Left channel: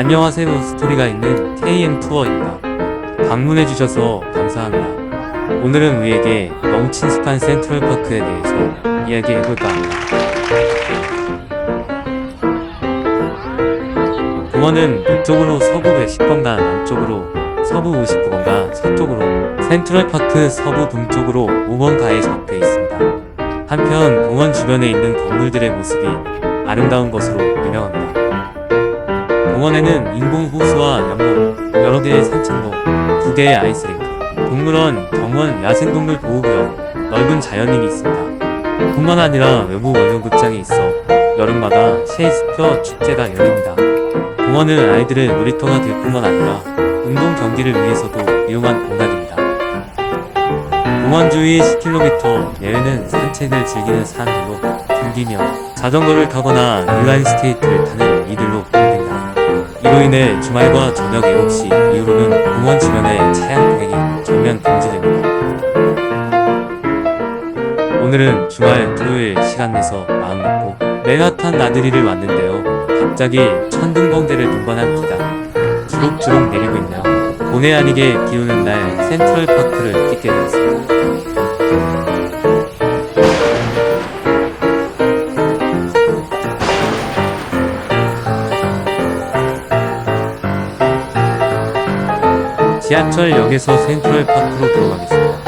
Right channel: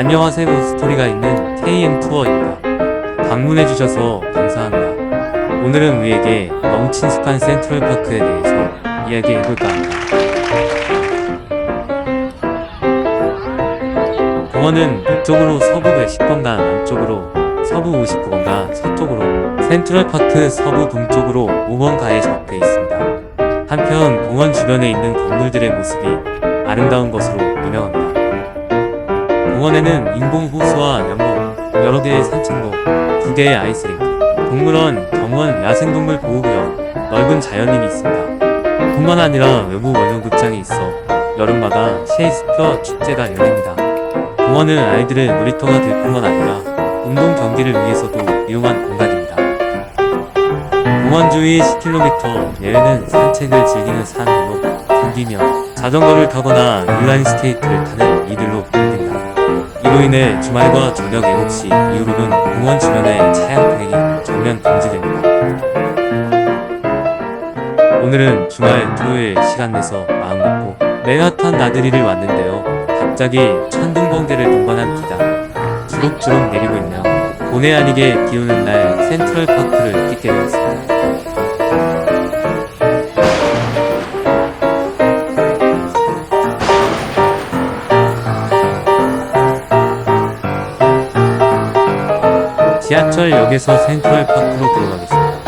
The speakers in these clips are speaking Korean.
안녕하세요. 스토리가 있는 KM 투어입니다. 방문해주셔서 감사합니다. 오늘은 우리에게 너무 친숙한 센트럴파크에 대해서 이야기해볼까 합니다. 공원은 북쪽으로 서부 110번가, 남쪽으로 서부 59번가, 서쪽으로 센트럴파크 서부 동쪽으로 5번가에 접해 있습니다. 한편 공원 주변에 있는 건물들의 모습이 아름다운 것으로 유명합니다. 공원에는 인공호수와 연못, 여러 개의 산책로, 2개의 아이스링크, 동물원, 정원, 야생동물 보호구역, 넓은 자연림이 있습니다. 뿐만 아니라 외부 월경극장이 있어 여름마다 셰익스피어 축제가 열립니다. 공원은 아이들의 놀이터가 될 뿐만 아니라 운동 경기를 위해서도 유용한 공간입니다. 공원 주위 10km 내외는 산책을 즐기는 사람들로 붐비며 자전거를 타거나 인라인 스케이트를 타는 이들로 붐빈다. 이로 인해 주말과 저녁 7시 이후로는 공원 주변의 차량 통행이 전면 금지됩니다. 오늘은 주말 토요일 시간 내서 마음 먹고 맨하탄 나들이를 왔는데요. 갑자기 천둥번개를 동반한 비가 주룩주룩 내리고 있네요. 본의 아니게 비오는 날 센트럴파크를 뛰게 되었습니다. 지하철역에서 센트럴파크로 들어가겠습니다.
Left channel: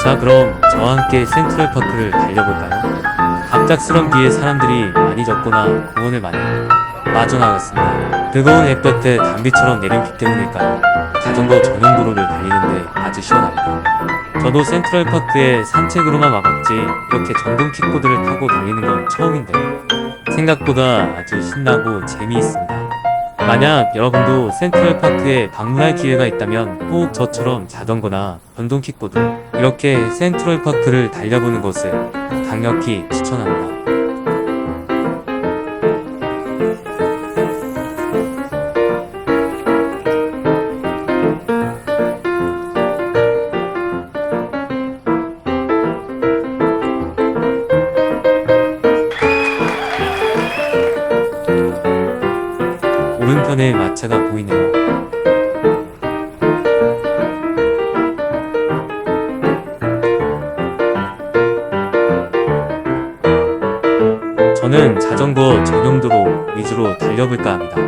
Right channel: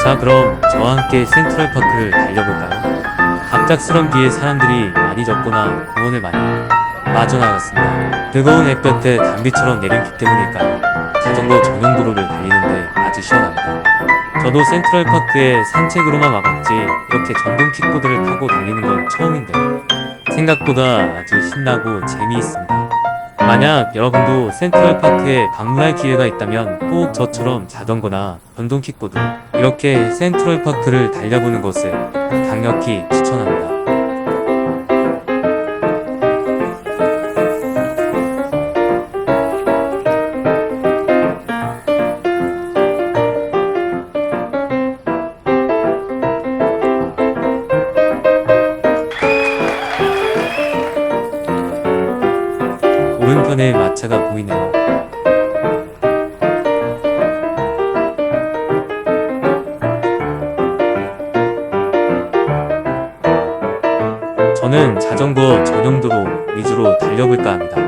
자, 그럼 저와 함께 센트럴파크를 달려볼까요? 갑작스런 비에 사람들이 많이 젖거나 공원을 많이 빠져나갔습니다. 뜨거운 햇볕에 단비처럼 내린 비 때문일까요? 자전거 전용 도로를 달리는데 아주 시원합니다. 저도 센트럴파크에 산책으로만 와봤지 이렇게 전동 킥보드를 타고 달리는 건 처음인데요. 생각보다 아주 신나고 재미있습니다. 만약 여러분도 센트럴파크에 방문할 기회가 있다면 꼭 저처럼 자전거나 전동 킥보드 이렇게 센트럴파크를 달려보는 것을 강력히 추천합니다. 오른편에 마차가 보이네요. 저는 자전거 전용도로 위주로 달려볼까 합니다.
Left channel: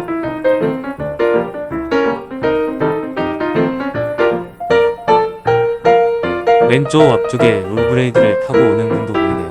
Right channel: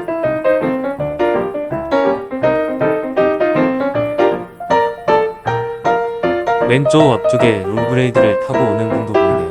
왼쪽 앞쪽에 롤브레이드를 타고 오는 분도 보이네요.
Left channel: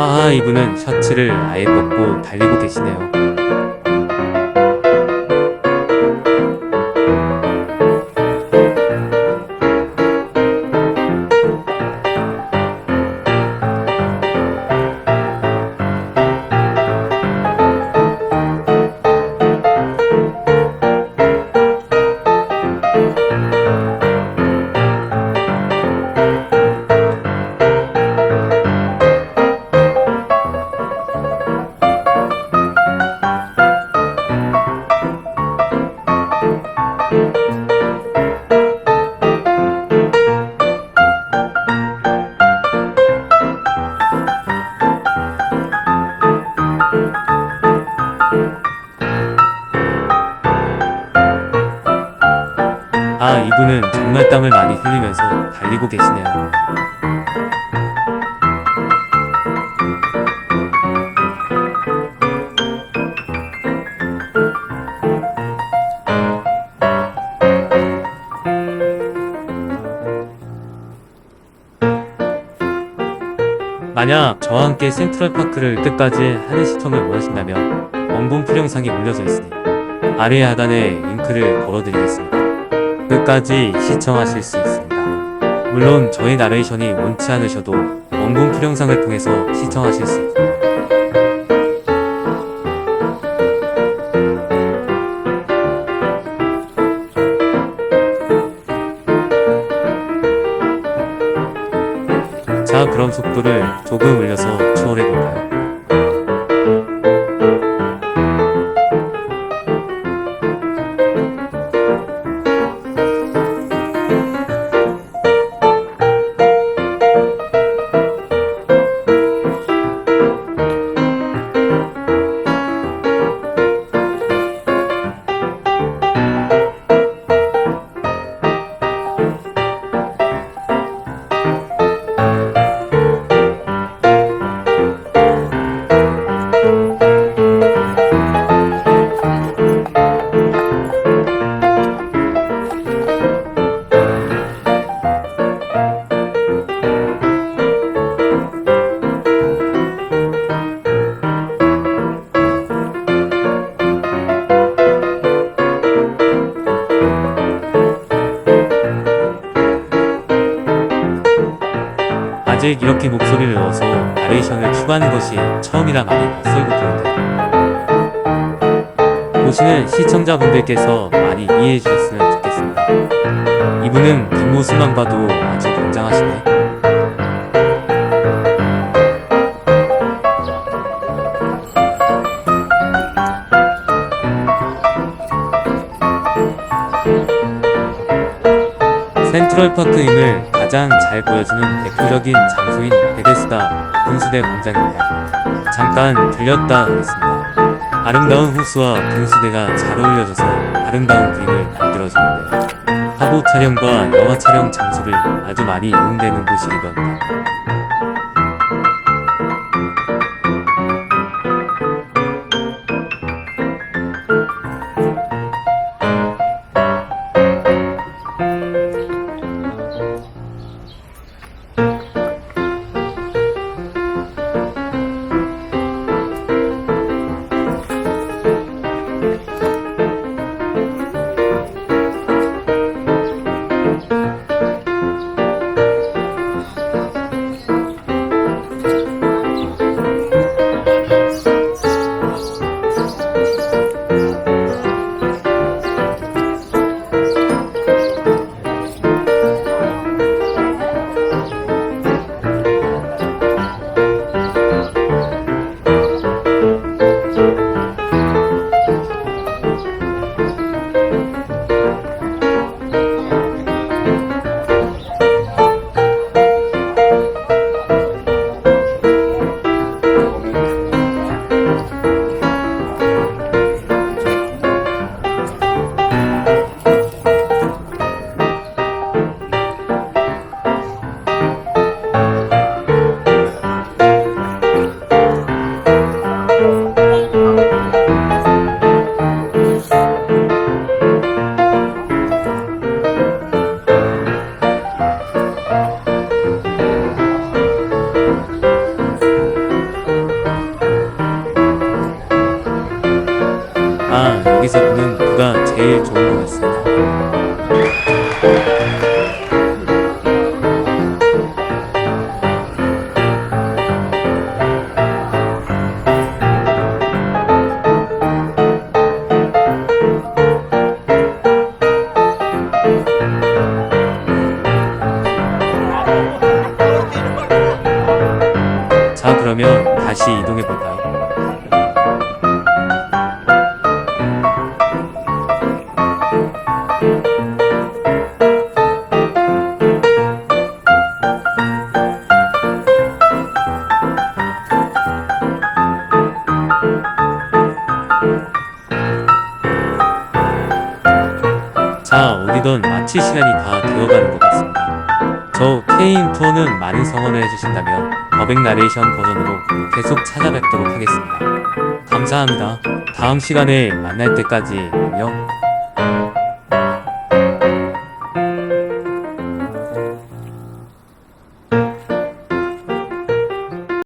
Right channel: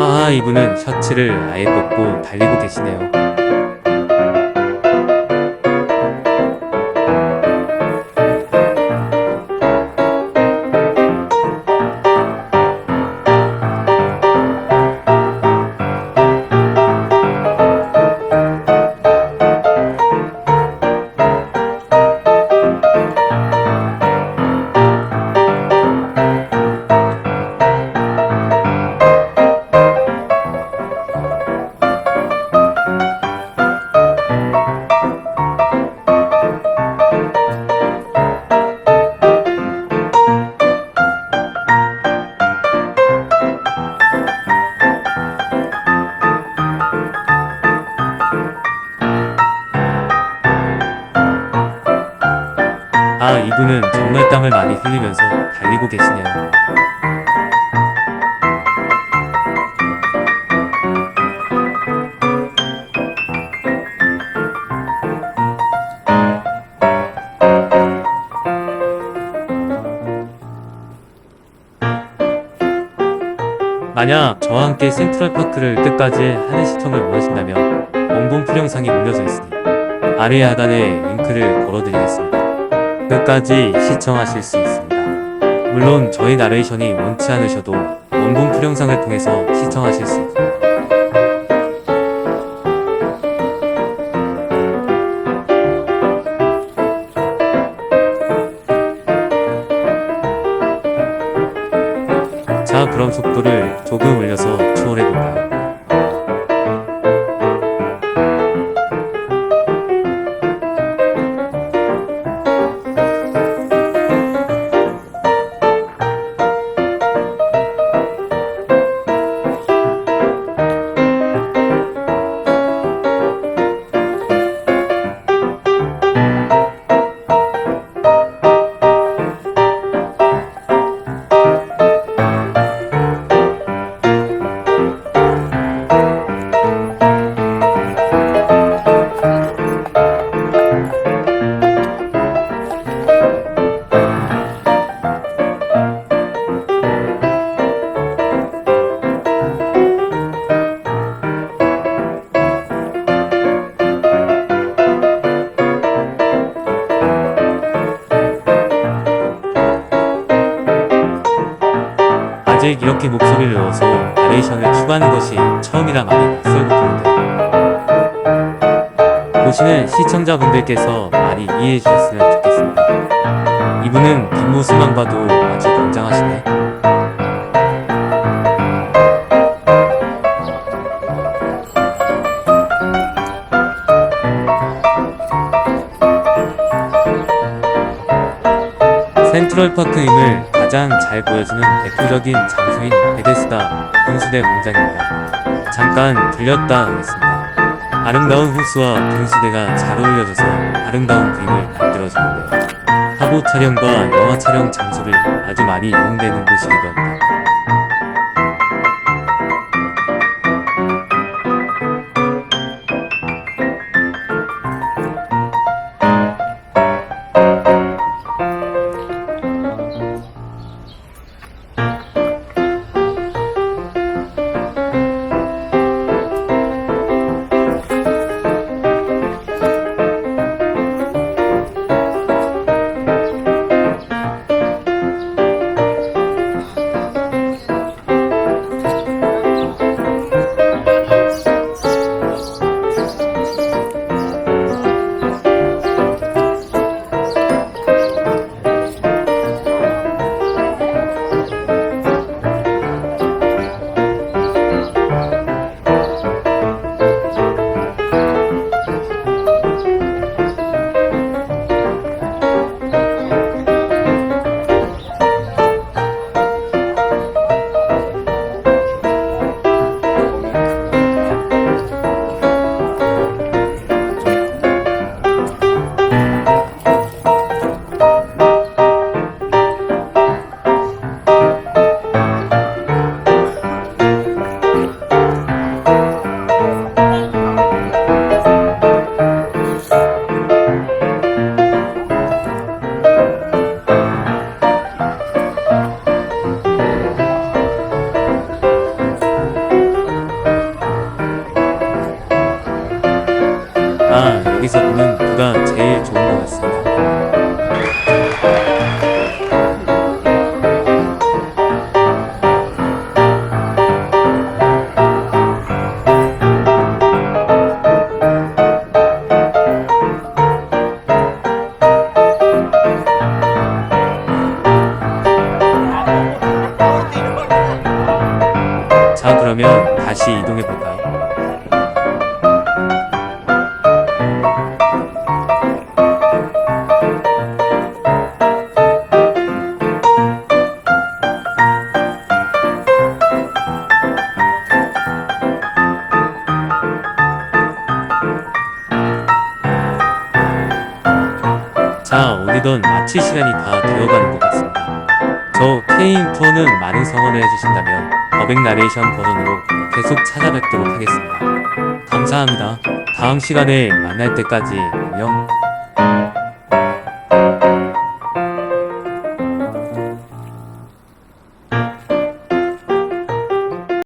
하하, 이분은 셔츠를 아예 벗고 달리고 계시네요. 아, 이분은 정말 땀을 많이 흘리면서 달리고 계시네요. 만약 저와 함께 센트럴파크를 끝까지 하는 시청을 원하신다면 원본풀 영상이 올려져 있으니 아래 하단에 링크를 걸어드리겠습니다. 끝까지 시청하실 수 있습니다. 물론 저희 나레이션이 원치 않으셔도 원본풀 영상을 통해서 시청하실 수 있습니다. 자, 그럼 속도를 조금 올려서 추월해볼까요? 아직 이렇게 목소리를 넣어서 나레이션을 추가하는 것이 처음이라 많이 낯설고 그런데 보시는 시청자분들께서 많이 이해해 주셨으면 좋겠습니다. 이분은 뒷모습만 봐도 아주 건장하시네. 센트럴파크임을 가장 잘 보여주는 대표적인 장소인 베데스다 분수대 광장입니다. 잠깐 들렸다 하겠습니다. 아름다운 호수와 분수대가 잘 어울려져서 아름다운 그림을 만들어주는데요. 화보 촬영과 영화 촬영 장소를 아주 많이 이용되는 곳이기도 합니다. 아, 여기서 보는 뷰가 제일 좋은 것 같습니다. 자, 그러면 다시 이동해 볼까요? 자, 어디든 마칠 시간이 다 되어가는 것 같습니다. 저 K인 투어는 많은 성원을 해주신다면 더백 나레이션 버전으로 계속 찾아뵙도록 하겠습니다. 감사합니다. 다음 시간에 만날 때까지 안녕.